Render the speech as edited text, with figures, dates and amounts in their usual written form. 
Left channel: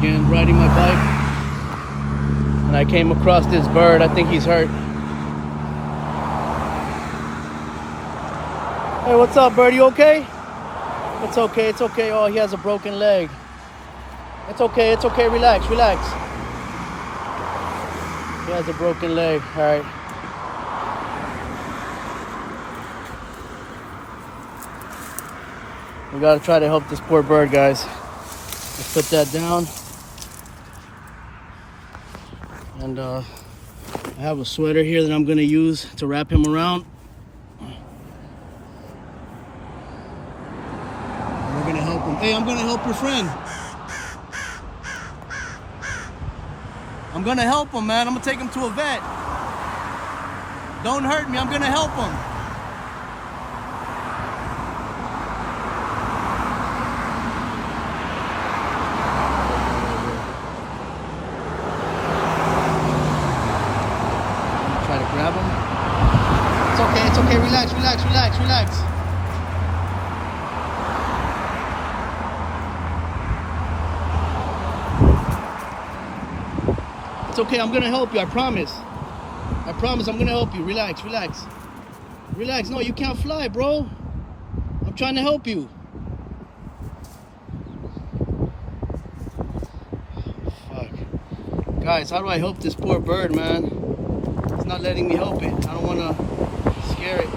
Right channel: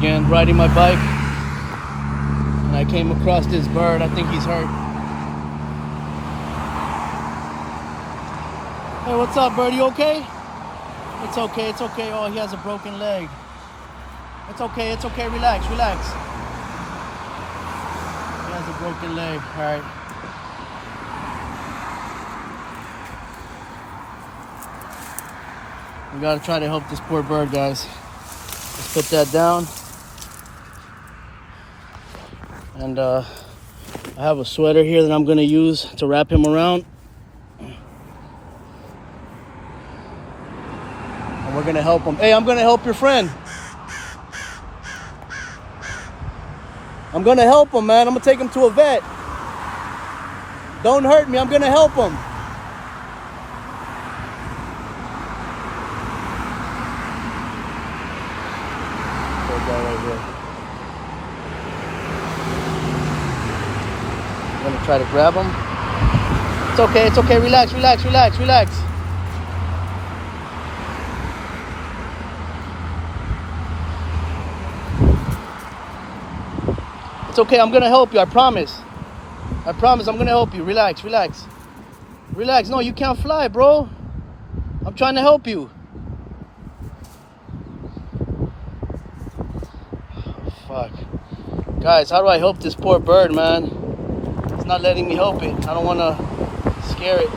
again, riding my bike, and I came across this bird. I think he's hurt. Hey, what's up, bird? You okay? It's okay, it's okay. Oh, he has a broken leg. It's okay, relax, relax. He has a broken leg, all right. We gotta try to help this poor bird, guys. Let's put that down. And I have a sweater here that I'm gonna use to wrap him around. And we're gonna help him. Hey, I'm gonna help your friend. I'm gonna help him, man. I'm gonna take him to a vet. Don't hurt me, I'm gonna help him. Try to grab him. It's okay, relax, relax, relax, relax. It's okay, I'm gonna help you, I promise. I promise I'm gonna help you. Relax, relax. Relax, no, you can't fly, bro. I'm trying to help you. Fuck. Guys, how do I help this poor bird, man? Not letting me help it. I don't want to scare it.